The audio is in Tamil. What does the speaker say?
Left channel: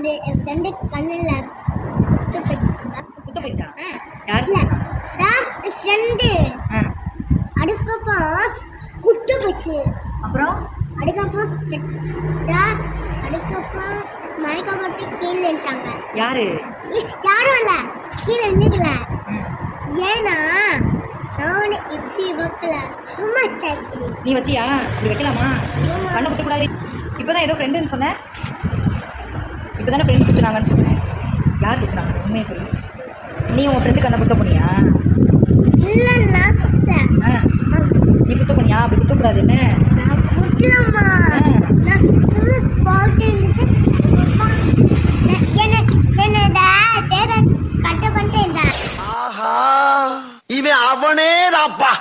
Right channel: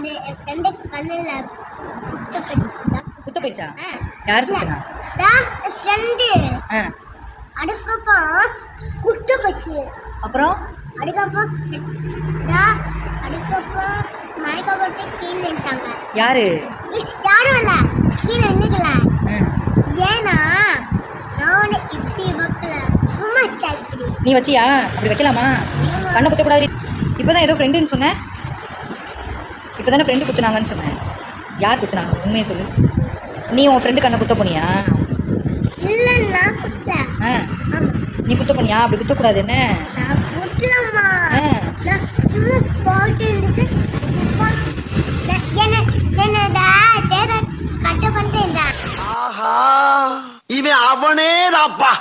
அது என் ஃப்ரெண்டு கண்ணில் குத்த போயிடுச்சா? யார் குத்துனா? என் ஃப்ரெண்டு அதுக்கப்புறம் குத்து போச்சு. அப்புறம் அதுக்கப்புறம் அதுக்கப்புறம் மயக்க போட்டு கீழே நின்ட்டாங்க. யாரு? யாரும் இல்லை, கீழே விழுகல. ஏன்னா நான் இப்படி வைக்கல, சும்மா இப்படி. நீ வச்சியா? அப்படி வைக்கலாமா? கண்ணை குத்தக்கூடாது. இப்போதான் ஏதோ ஃப்ரெண்டுன்னு சொன்னேன். இப்போ தானே ஃப்ரெண்டு குத்துனாங்கன்னு சொன்னேன். யார் குத்துனாங்க? உண்மையை சொல்லு. நீ உன் ஃப்ரெண்டு கண்ணை குத்த போனியா? இல்லை, நான் குத்தல. நீ குத்த போனியா? அப்படி குத்தக்கூடாது. என்ன நான் குத்தலம்மா, நான் சும்மா போட்டு இருந்துட்டு என்னோட பேரை கட்ட பண்ணிட்டு இருந்தேன். ஆஹா, இவன் அவனே தாப்பா.